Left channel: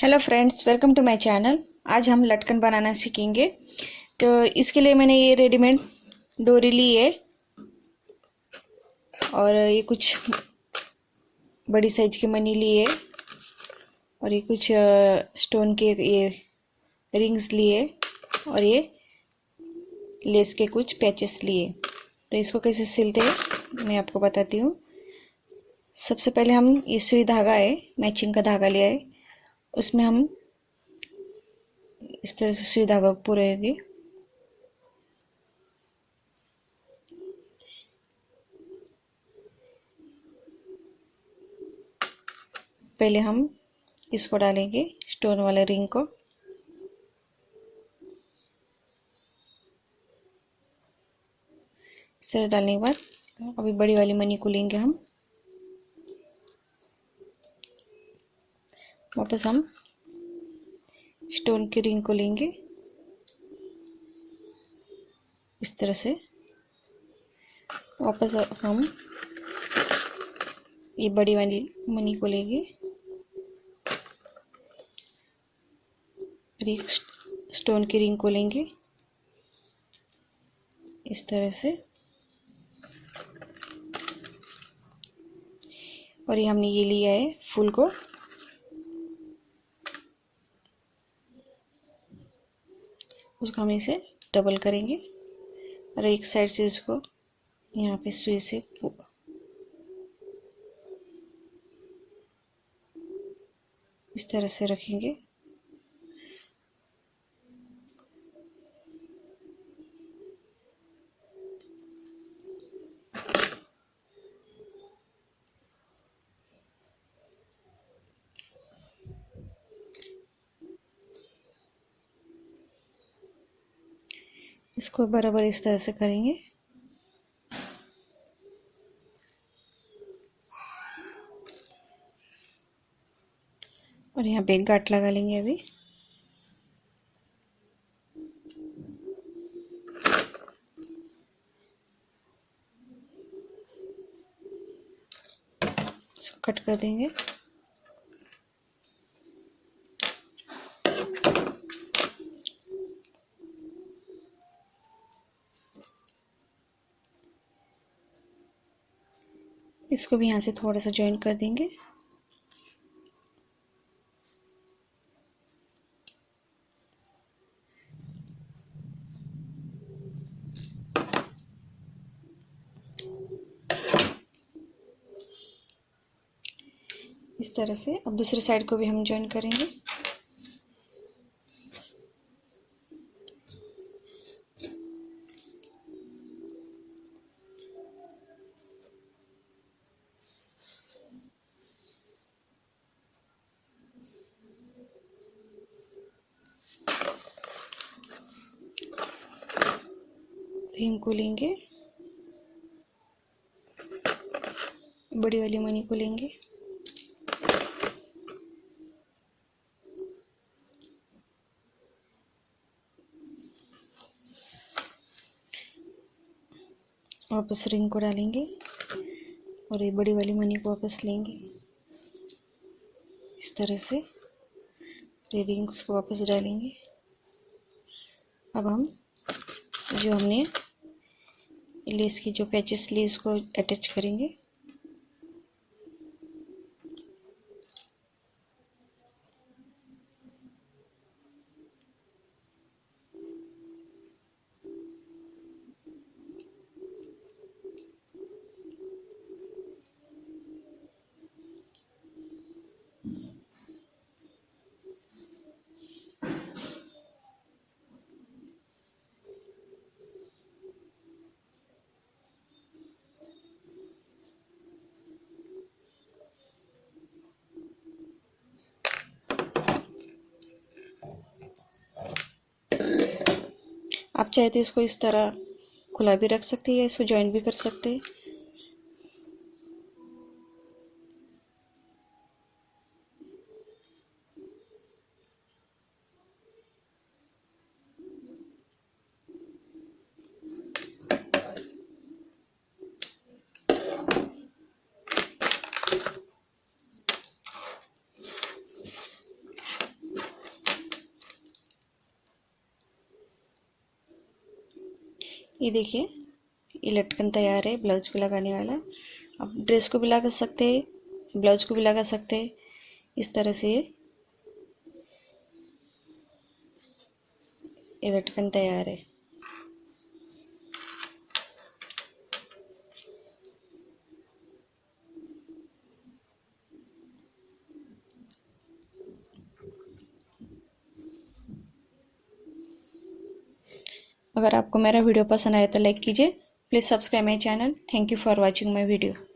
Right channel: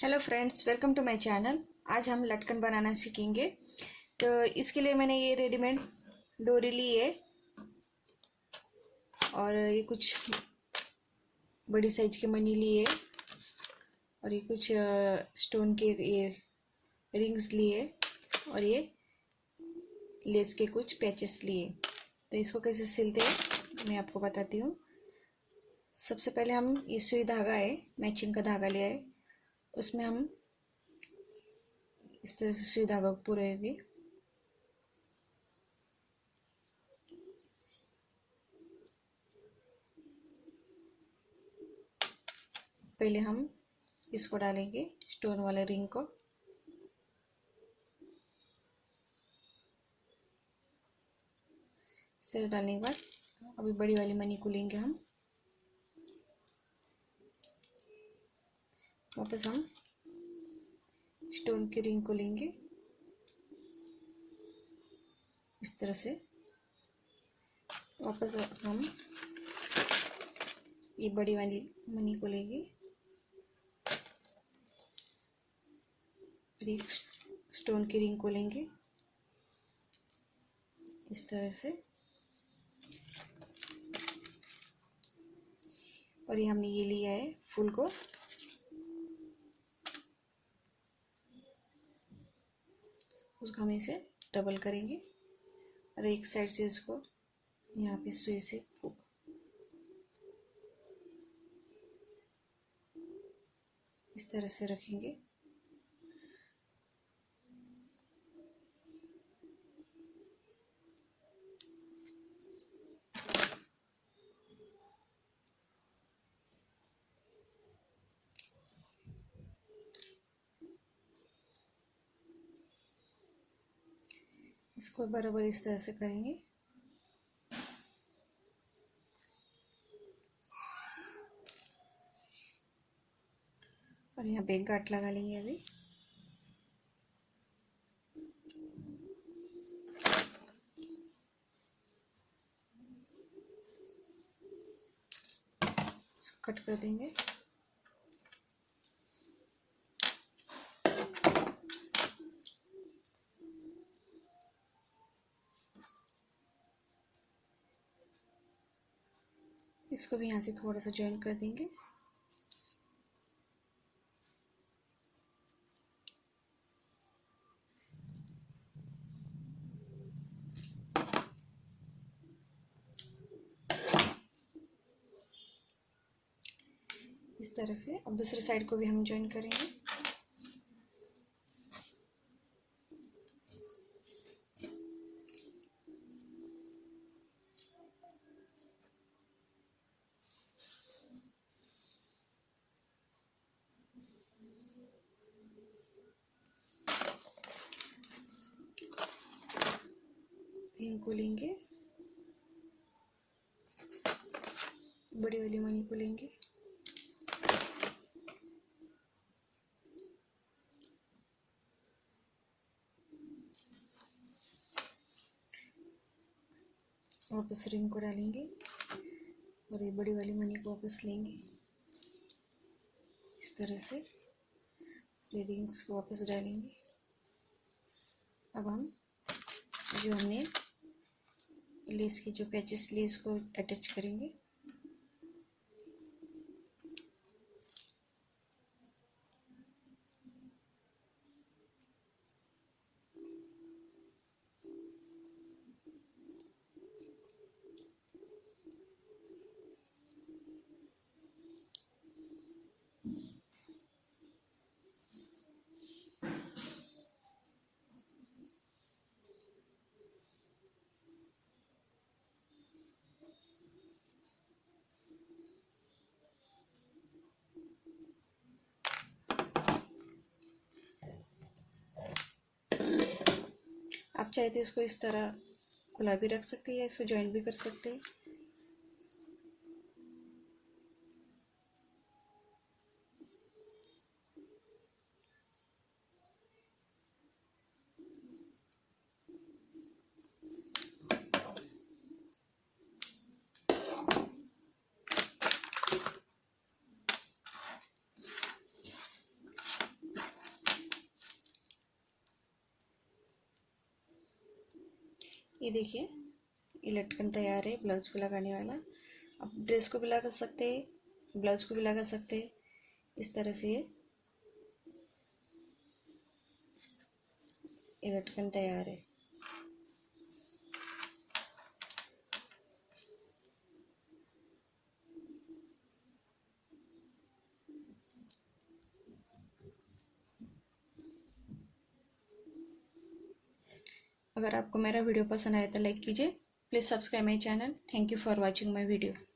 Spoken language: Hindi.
Hello friends, welcome to my channel. आज हम लटकन बनाना सीखेंगे। तो इसके लिए मैंने ये रेडीमेड डोरी ली है और ये कुछ बड़ी साइज की मनी ली है और ये कुछ स्टोन के ये रिंग्स लिए और ये लेस के कुछ पैचेस लिए। तो इसको कैसे सिलते हैं मैं आपको बताती हूँ। सबसे पहले हम ये सुई धागा है, मैचिंग का धागा लिया है, उसमें हम इस तरह से सुई धागा पूरेंगे। पहले हम इसको डालेंगे स्टोन वाले रिंग को। इस तरह डालने के बाद अभी बड़ी वाली मनी को लेंगे हम। वापस हम स्टोन की रिंग को लेंगे इस तरह से। वापस हम ये बड़ी वाली मनी को लेंगे और एक स्टोन की रिंग को लेंगे इस तरह से। और ये हमने ये लिया है फूल को, उसको हम इसे डबल करेंगे और एक साइड से उसको यहाँ पे सुई से इस तरह से रखेंगे। इसको बराबर इस तरह से करेंगे। और यहाँ पे एक गांठ लगा लेंगे अभी। इसको कट कर देंगे। इसको भी यहाँ से थोड़ा सा ज्वाइन कर देंगे। इस तरह से अब दूसरी साइड को भी हम ज्वाइन करेंगे। रिंग को लेंगे, बड़ी वाली मनी को लेंगे वापस रिंग को डालेंगे और ये बड़ी वाली मनी को वापस लेंगे इस तरह से। ये रिंग्स को वापस डालेंगे। अब हम जो हमने लेस की जो पैचेस लिए इसको अटैच करेंगे। आप चाहे तो इसको इस तरह खुला भी रख सकते हैं या इसको ज्वाइन भी कर सकते हैं। ये देखिए, ये लटकन तैयार है ब्लाउज को लगाने वाला। आप ड्रेस को भी लगा सकते हैं, ब्लाउज को भी लगा सकते हैं। इस तरह से ये लटकन तैयार है। अगर आपको मेरा वीडियो पसंद आए तो लाइक कीजिए। Please subscribe my channel. Thank you for watching my video.